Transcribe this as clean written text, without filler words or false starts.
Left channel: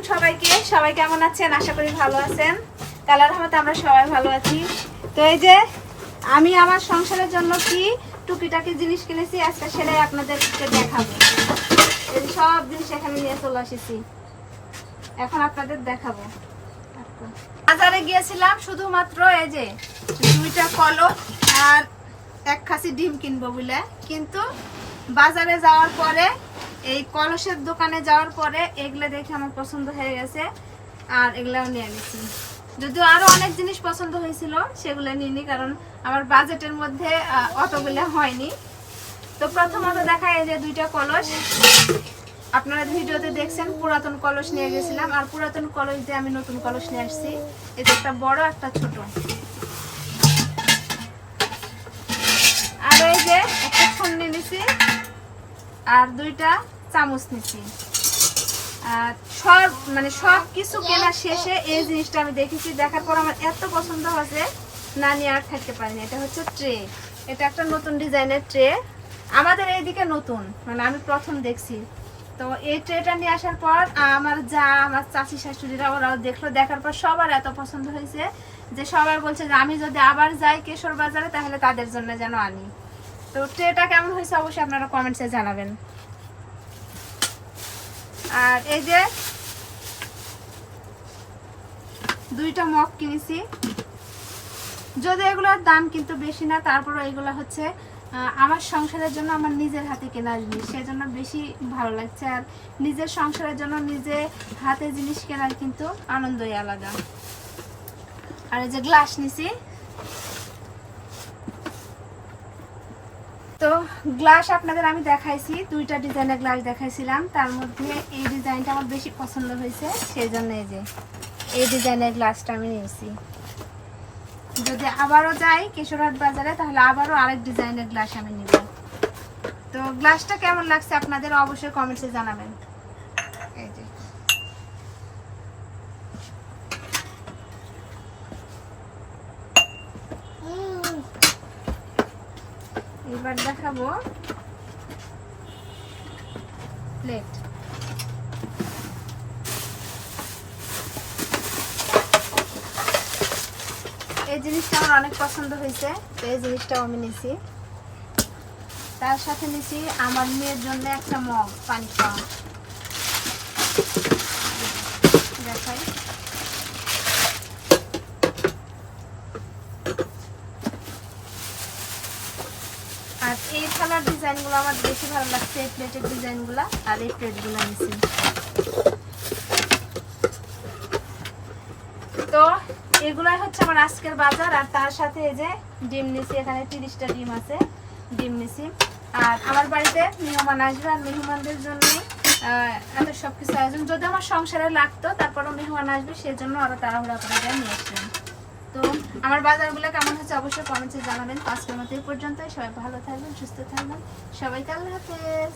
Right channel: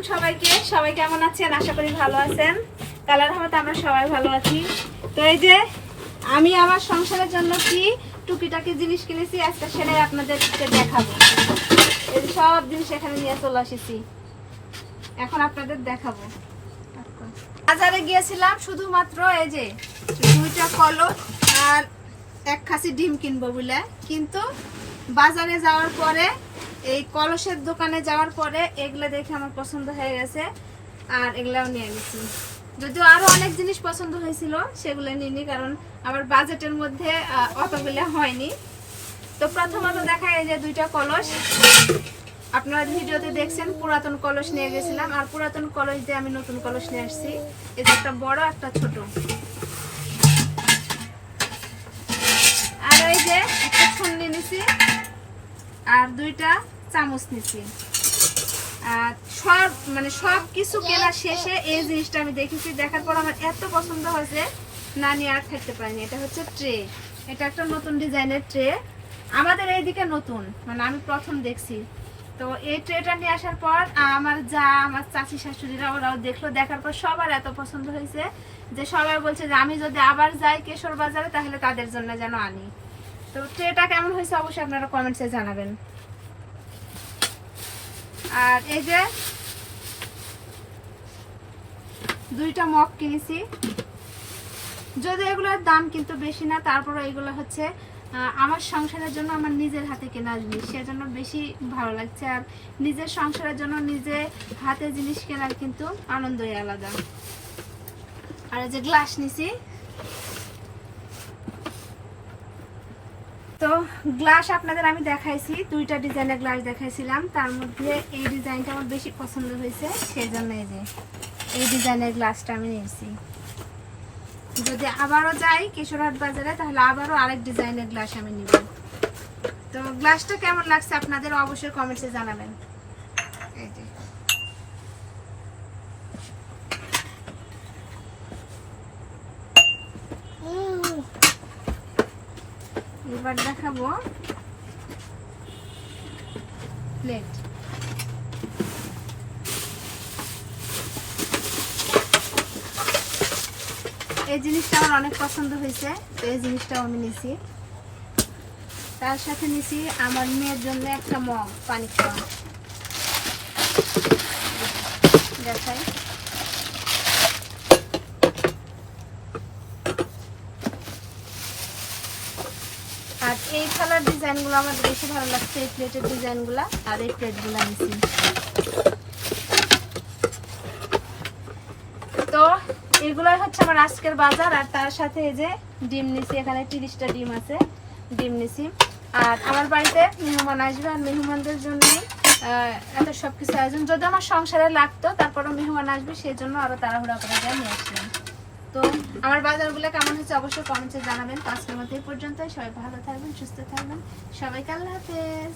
আলাইকুম সবাইকে। সবাই কেমন আছেন? আশা করি ভালো আছেন। আল্লাহর রহমতে আমরা সবাই ভালো আছি। তো এই যে আমি আমার সংসারের জন্য কি টুকিটাকি জিনিস কিনেছি, আজকে সেটাই আপনাদেরকে দেখাবো। এই সব জিনিস এখানে নিয়ে চলে এসেছি, এখন আপনাদের দেখাবো। বাজারে গিয়েছিলাম শুধুমাত্র এই যে 2টা কলম আর 1 খাসি ডিম কিনবো বলে, কিন্তু বাজারে যাওয়ার পরে এই কলসের দোকানে যাওয়ার পরে এগুলো দেখে আমার পছন্দ হয়ে গেছে আর এগুলাও নিয়ে গেছি। যদিও আরো অনেক জিনিস পছন্দ হয়েছিল, সেগুলো নিইনি, কারণ আমার বাজেটের মধ্যে অতগুলো হয়নি। তো প্রথমত দেখায় এই যে 2টা কলস। আপনারা ভিডিওতে দেখছেন পুরাতন কলস নিয়ে গেছিলাম, আর পুরাতন কলস দিয়ে আমি নতুন কলস নিয়ে আসছি। এটা একটা বড় একটা ছোট, আর এই যে একটা ছুন্নি নিছি আর 2টা চামচ নিছি। আর সব কিছু কেনা শেষে এই জিনিসটা আমি দেখেছি, দেখার পর আমার এত পছন্দ হয়েছে না নিয়ে আর থাকতে পারিনি। এটা হচ্ছে ট্রে। এটা একটা নতুন ডিজাইনের ট্রে, আমাদের এইদিকে নতুন, মানে আমি প্রথম দেখছি। তো এই ট্রেটা নিয়ে আসার পর আমার চাচি শাশুড়িরা ওরাও দেখলো, দেখার পর সবার এত পছন্দ হয়েছে যে সবাই বলছে যে আমি যদি আবার যাই কেশর বাজারে তাহলে তাদের জন্য যেন আনি। তো ট্রেটা কেমন হয়েছে অবশ্যই আপনারা কমেন্টসে জানাবেন। আর এই যে 2টা মগ কিনেছি, যদি এগুলোর দাম কিন্তু বেশি না, তারপরে এগুলো হচ্ছে আমার সংসারের জন্য আমার নিজের হাতে কেনা জিনিস, সেজন্য বেশি ভালো লাগছে। আর নিজের সংসারের জন্য নিজে হাতে জিনিস কেনার কিন্তু আনন্দই আলাদা। আর এই যে গ্লাস নিছি, তো গ্লাস আপনাদের আমি দেখাইছি, 2টা ডিজাইনের গ্লাস দেখাইছিলাম, তার মধ্যে এই ডিজাইনটা আমার বেশি পছন্দ হয়েছে, সেই জন্য এই যে এই ডিজাইনের গ্লাসটা আমি নিয়েছি। যদি আবারও যাই কেশরহাট বাজারে তাহলে আবারও আরেক ডিজাইনের গ্লাস আমি নিব। তো গ্লাসটা কেমন লাগছে আপনাদের অবশ্যই কমেন্টসে জানাবেন। এই যে এবার দেখাবো প্লেট। এই জিনিসটা আমার অনেক পছন্দ হয়েছে, তো এই জিনিসটাও আমি নিছি। তার সাথে নিছি আমার মেয়ের জন্য একটা মগ পানি খাওয়া। দেখাই, আর এই থালার ডিজাইনগুলো আমার বেশি ভালো লাগছে, এই প্লেটের ডিজাইনগুলো আর এই প্লেটগুলো নিছি। তো এগুলাই হচ্ছে আমার আজকের বাজার। আর তার সাথে এই যে ডিম নিছি, এখানে 30টা ডিম আছে, ডিম নিছি। আর আমার বাড়িতে মেহমান আসবে, আর মেহমানদের জন্য এত সব কিছু আয়োজন, যদি আমার সংসারে লাগতো তারপরও মেহমান আসবে, সেই জন্য আরো তাড়াহুড়া করে নিয়ে আসলাম। তো আমার বাজারগুলো কেমন হচ্ছে অবশ্যই কমেন্টে জানাবেন। আজকের মতো এই পর্যন্তই। সবাই ভালো থাকবেন, সুস্থ থাকবেন, সবাইকে আল্লাহ হাফেজ।